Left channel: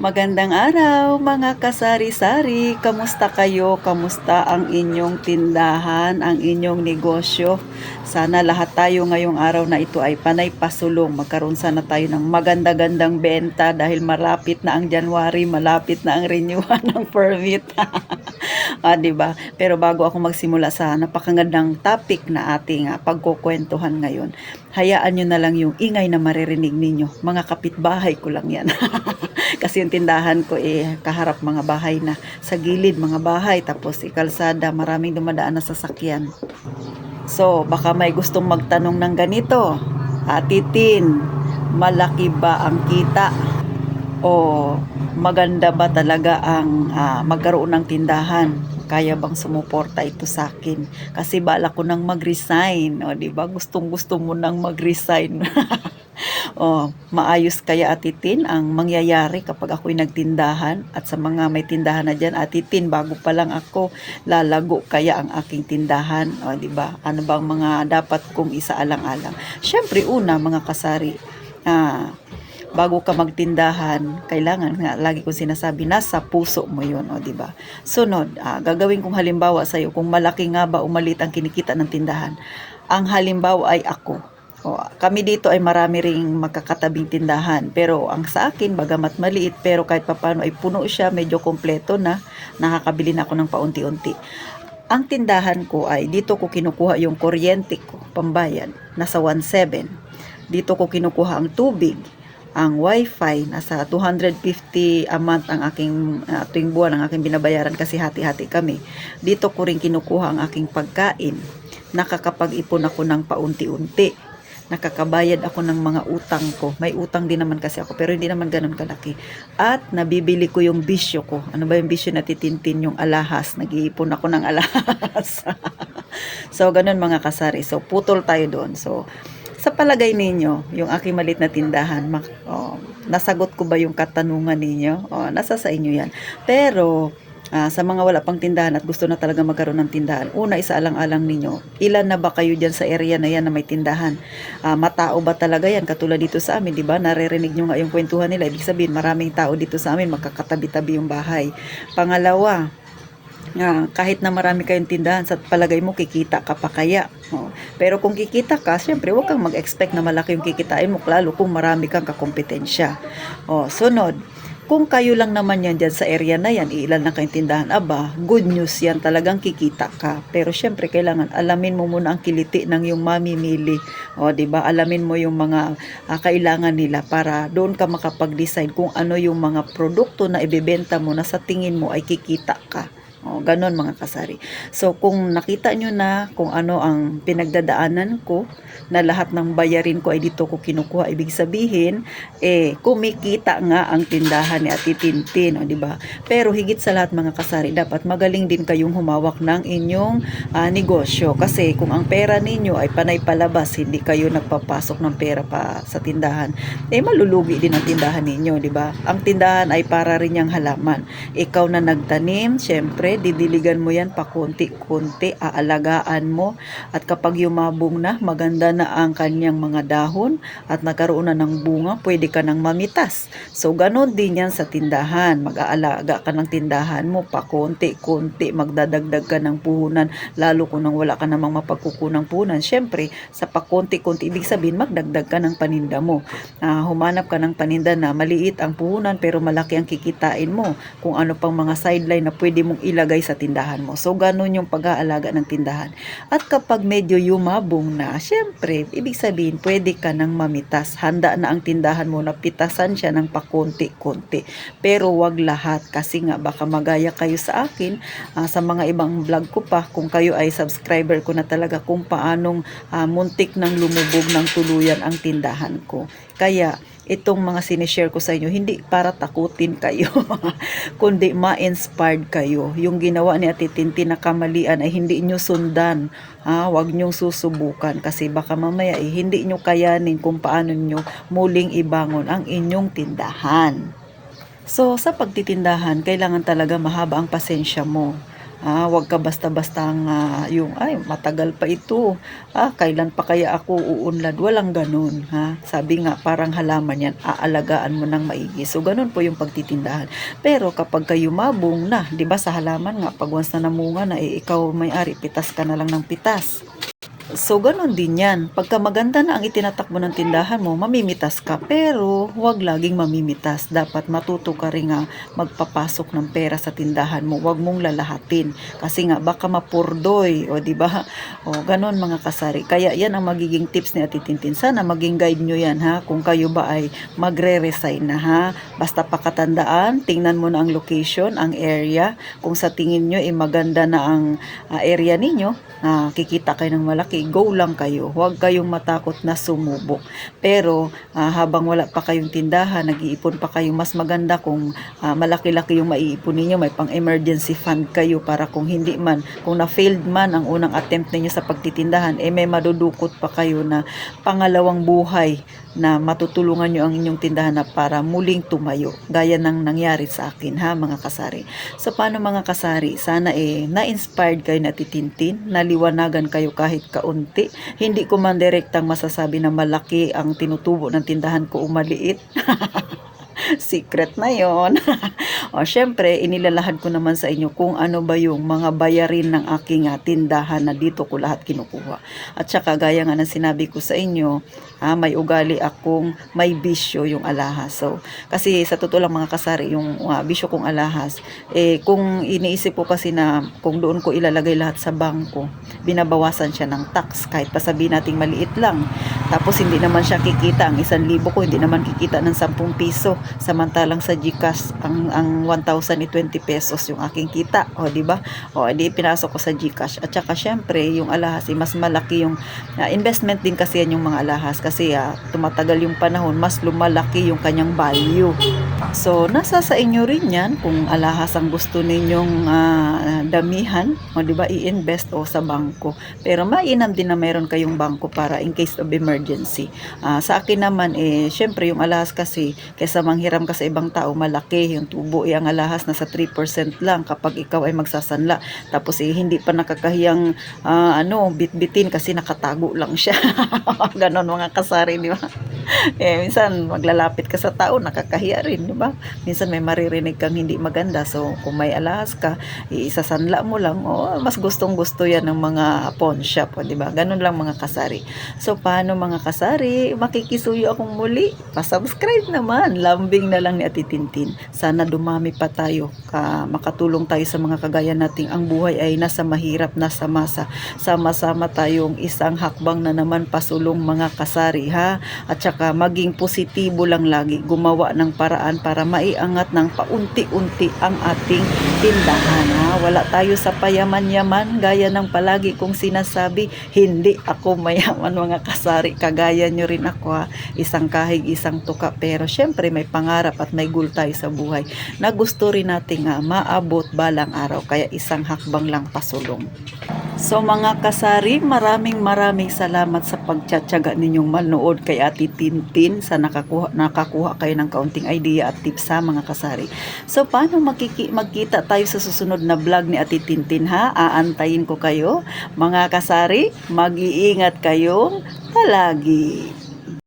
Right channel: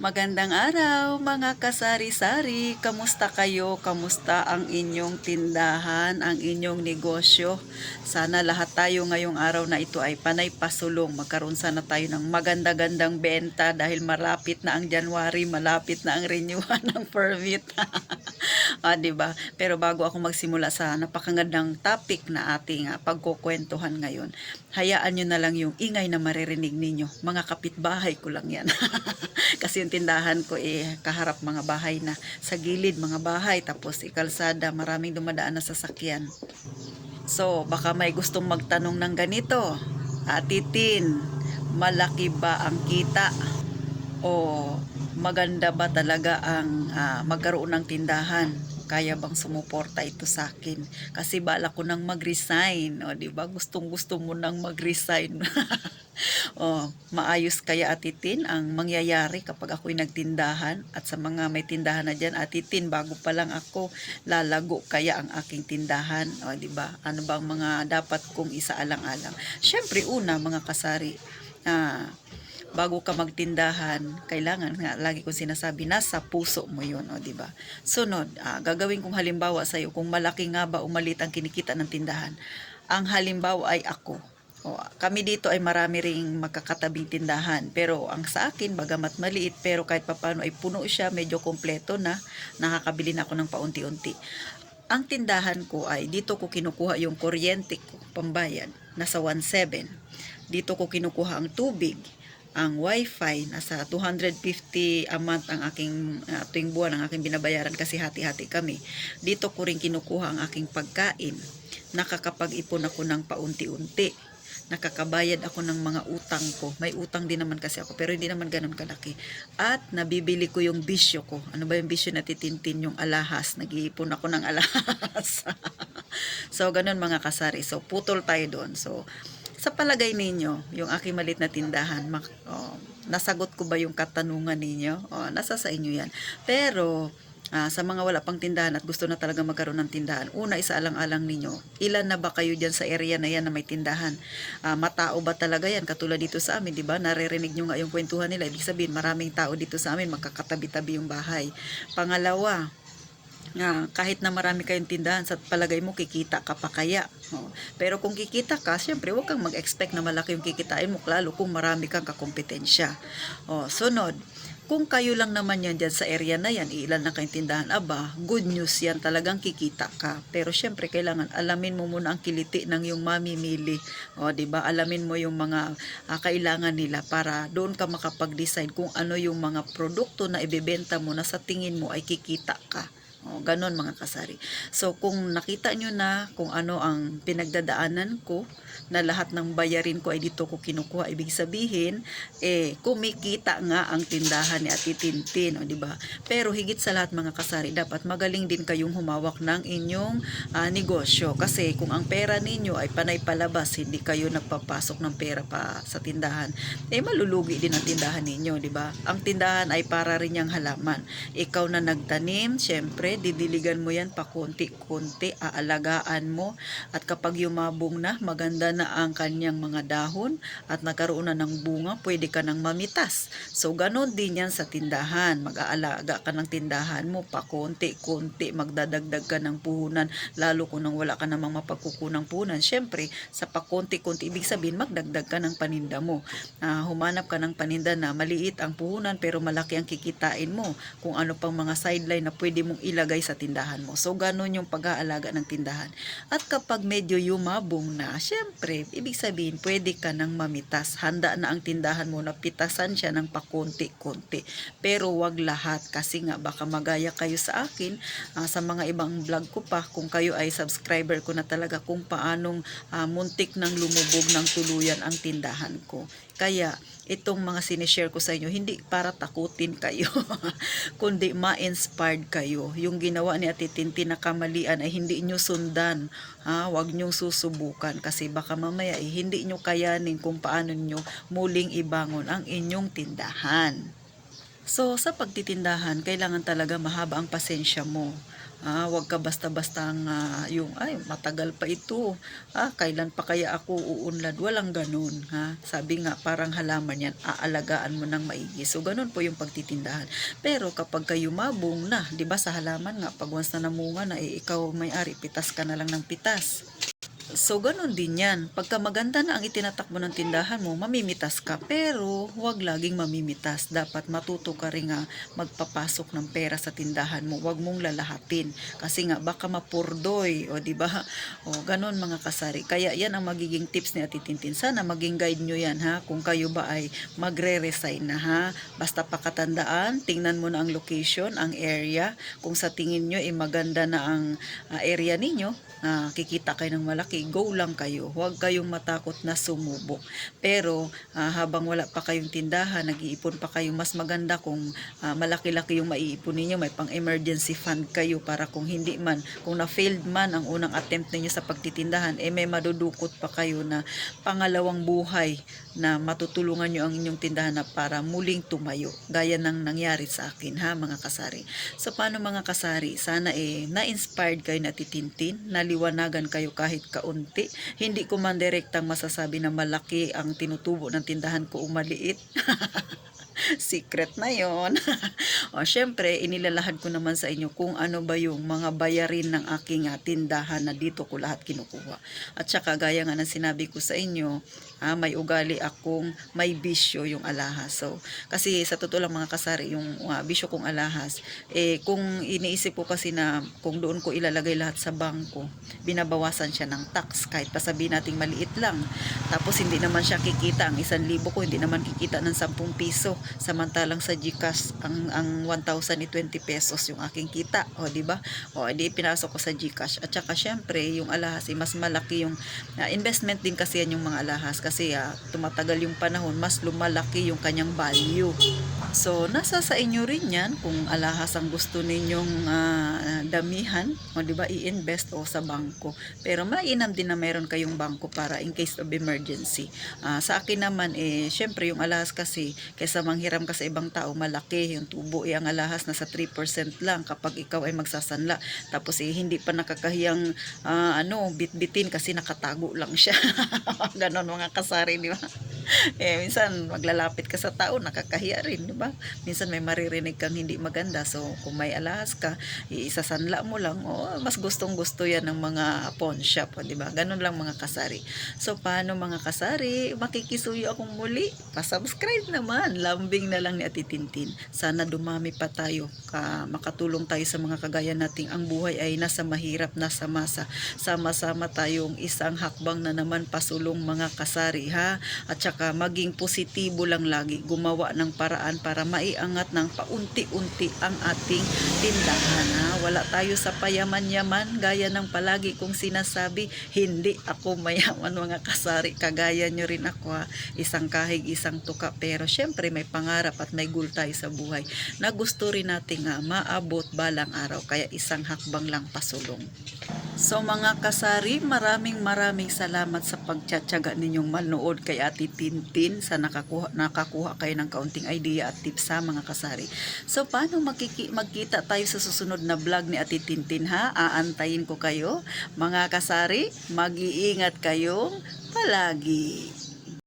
Magandang araw mga kasari-sari. Kamusta kayo? Kamusta ang inyong tindahan, ang inyong negosyo? Sana lahat tayo ngayong araw na ito ay panay pasulong. Magkaroon sana tayo ng maganda-gandang benta dahil malapit na ang January, malapit na ang renewal ng permit. Diba? Pero bago ako magsimula sa napakagandang topic na ating pagkukwentuhan ngayon, hayaan nyo na lang yung ingay na maririnig ninyo. Mga kapitbahay ko lang yan. Kasi yung tindahan ko kaharap mga bahay na, sa gilid mga bahay, tapos kalsada, maraming dumadaan na sasakyan. So baka may gustong magtanong ng ganito, Titin, malaki ba ang kita? O maganda ba talaga ang magkaroon ng tindahan? Kaya bang sumuporta ito sa akin? Kasi bala ko nang mag-resign. O, diba? Gustong-gusto mo nang mag-resign. Maayos kaya atitin ang mangyayari kapag ako'y nagtindahan? At sa mga may tindahan na dyan, atitin, bago pa lang ako, lalago kaya ang aking tindahan? O, diba? Ano bang mga dapat kong isaalang-alang? Syempre, una, mga kasari, bago ka magtindahan, kailangan nga, lagi kong sinasabi, nasa puso mo yun, di ba? Sunod, gagawin kong halimbawa sa iyo, kung malaki nga ba o maliit ang kinikita ng tindahan. Ang halimbawa ay ako. Kami dito ay marami ring magkakatabing tindahan, pero ang sa akin, bagamat maliit, pero kahit papano ay puno siya, medyo kompleto na, nakakabili na ako ng paunti-unti. Ang tindahan ko ay, dito ko kinukuha yung kuryente ko, pambayad, nasa 1.7. Dito ko kinukuha ang tubig, ang wifi, nasa 250 a month ang aking tuwing buwan ang aking binabayaran kasi hati-hati kami. Dito ko rin kinukuha ang aking pagkain. Nakakapag-ipon ako ng paunti-unti. Nakakabayad ako ng mga utang ko. May utang din naman kasi ako, pero hindi naman ganun kalaki. At nabibili ko yung bisyo ko. Ano ba yung bisyo na titintin? Yung alahas. Nag-iipon ako ng alahas. So, ganun mga kasari. So, putol tayo doon. So, sa palagay ninyo, yung aking malit na tindahan, nasagot ko ba yung katanungan ninyo? Nasa sa inyo yan. Pero, sa mga wala pang tindahan at gusto na talaga magkaroon ng tindahan, una, isaalang-alang ninyo, ilan na ba kayo dyan sa area na yan na may tindahan? Matao ba talaga yan? Katulad dito sa amin, di ba? Naririnig nyo nga yung kwentuhan nila. Ibig sabihin, maraming tao dito sa amin, magkakatabi-tabi yung bahay. Pangalawa, kahit na marami kayong tindahan, sa palagay mo kikita ka pa kaya? Pero kung kikita ka, syempre huwag kang mag-expect na malaki yung kikitain mo, lalo kung marami kang kakompetensya. Sunod, kung kayo lang naman yan dyan sa area na yan, ilan lang kayong tindahan, good news yan, talagang kikita ka. Pero syempre kailangan alamin mo muna ang kiliti ng yung mamimili. Diba? Alamin mo yung mga kailangan nila para doon ka makapag-decide kung ano yung mga produkto na ibebenta mo na sa tingin mo ay kikita ka. Ganon mga kasari. So kung nakita nyo na kung ano ang pinagdadaanan ko, na lahat ng bayarin ko ay dito ko kinukuha, ibig sabihin kumikita nga ang tindahan ni Ate Tintin, di ba? Pero higit sa lahat mga kasari, dapat magaling din kayong humawak ng inyong negosyo, kasi kung ang pera ninyo ay panay palabas, hindi kayo nagpapasok ng pera pa sa tindahan, malulugi din ang tindahan ninyo, di ba? Ang tindahan ay para rin yung halaman. Ikaw na nagtanim, syempre didiligan mo yan pa konti-konti, aalagaan mo, at kapag yumabong na, maganda na ang kanyang mga dahon at nagkaroon na ng bunga, pwede ka nang mamitas. So ganon din yan sa tindahan, mag-aalaga ka ng tindahan mo pa konti-konti, magdadagdag ka ng puhunan, lalo kung nang wala ka namang mapagkukunang puhunan, syempre sa pa konti-konti, ibig sabihin magdagdag ka ng paninda mo. Humanap ka ng paninda na maliit ang puhunan pero malaki ang kikitain mo, kung ano pang mga sideline na pwede mong ilagay sa tindahan mo. So ganon yung pag-aalaga ng tindahan. At kapag medyo yumabong na, syempre, ibig sabihin, pwede ka nang mamitas. Handa na ang tindahan mo na pitasan siya ng pakunti-kunti. Pero wag lahat, kasi nga baka magaya kayo sa akin, sa mga ibang vlog ko pa, kung kayo ay subscriber ko na talaga, kung paanong muntik nang lumubog ng tuluyan ang tindahan ko. Kaya, itong mga sinishare ko sa inyo, hindi para takutin kayo, kundi ma-inspired kayo. Yung ginawa ni Ate Tintin na kamalian ay hindi nyo sundan. Huwag nyong susubukan, kasi baka mamaya hindi nyo kayanin kung paano nyo muling ibangon ang inyong tindahan. So, sa pagtitindahan, kailangan talaga mahaba ang pasensya mo. Wag ka basta-bastang yung ay matagal pa ito. Kailan pa kaya ako uunlad? Walang ganun, ha. Sabi nga parang halaman yan, aalagaan mo ng maigi. So ganun po yung pagtitindahan. Pero kapag kayo mabong na, 'di ba sa halaman nga pag once na namunga na ikaw may-ari, pitas ka na lang ng pitas. So, ganun din yan. Pagka maganda na ang itinatakbo ng tindahan mo, mamimitas ka. Pero, huwag laging mamimitas. Dapat matuto ka rin nga magpapasok ng pera sa tindahan mo. Huwag mong lalahatin. Kasi nga, baka mapurdoy. O, di ba? O, ganun mga kasari. Kaya, yan ang magiging tips ni Ate Tintin. Sana maging guide nyo yan, ha? Kung kayo ba ay magre-resign na, ha? Basta pakatandaan, tingnan mo na ang location, ang area. Kung sa tingin nyo, maganda na ang area ninyo, kikita kayo ng malaki, go lang kayo. Huwag kayong matakot na sumubok. Pero habang wala pa kayong tindahan, nag-iipon pa kayo, mas maganda kung malaki-laki yung maiipon ninyo, may pang emergency fund kayo para kung hindi man, kung na-failed man ang unang attempt ninyo sa pagtitindahan, may madudukot pa kayo na pangalawang buhay na matutulungan nyo ang inyong tindahan na para muling tumayo. Gaya ng nangyari sa akin, ha mga kasari. So paano mga kasari? Sana na-inspired kayo na titintin, naliwanagan kayo kahit kaunti. Hindi ko man direktang masasabi na malaki ang tinutubo ng tindahan ko o maliit. Secret na yon. O syempre, inilalahad ko naman sa inyo kung ano ba yung mga bayarin ng aking tindahan na dito ko lahat kinukuha. At saka gaya nga ng sinabi ko sa inyo, may ugali akong may bisyo yung alahas. So, kasi sa totoo lang mga kasari, yung bisyo kong alahas, kung iniisip ko kasi na kung doon ko ilalagay lahat sa bangko, binabawasan siya ng tax kahit pa sabihin nating maliit lang. Tapos hindi naman siya kikita, ang 1,000 ko hindi naman kikita ng 10 piso. Samantalang sa GCash ang 1,020 pesos yung aking kita, o di ba? O di pinasok ko sa GCash. At saka syempre yung alahas mas malaki yung investment din kasi yan yung mga alahas kasi tumatagal yung panahon, mas lumalaki yung kanyang value. So nasa sa inyo rin yan kung alahas ang gusto ninyong damihan, o di ba, i-invest o sa bangko. Pero mainam din na meron kayong bangko para in case of emergency. Sa akin naman syempre yung alahas kasi kaysa manghiram ka sa ibang tao, malaki yung tubo, ang alahas nasa 3% lang kapag ikaw ay magsasanla. Tapos hindi pa nakakahiyang bitbitin kasi nakatago lang siya. Ganon mga kasari, di ba? Minsan maglalapit ka sa tao, nakakahiya rin, di ba? Minsan may maririnig kang hindi maganda. So kung may alahas ka, isasanla mo lang, mas gustong gusto yan ng mga pawn shop, di ba? Ganon lang mga kasari. So paano mga kasari? Makikisuyo akong muli. Pa-subscribe naman. Lambing na lang ni Ate Tintin. Sana dumami pa tayo. Makatulong tayo sa mga kagaya nating ang buhay ay nasa mahirap, nasa masa. Sama-sama tayong isang hakbang na naman pasulong mga kasari, ha? At saka maging positibo lang lagi. Gumawa ng paraan para maiangat ng paunti-unti ang ating tindahan, ha? Wala tayo sa payaman-yaman. Gaya ng palagi kong sinasabi, hindi ako mayaman mga kasari. Kagaya nyo rin ako, ha? Isang kahig, isang tuka. Pero syempre may pangarap at may goal tayo sa buhay na gusto rin nating maabot balang araw. Kaya isang hakbang lang pasulong. So mga kasari, maraming salamat sa pagtsatsaga ninyong manood kay Ate Tintin sa nakakuha kayo ng kaunting idea at tips sa mga kasari. So paano magkita tayo sa susunod na vlog ni Ate Tintin, ha? Aantayin ko kayo. Mga kasari, mag-iingat kayong palagi.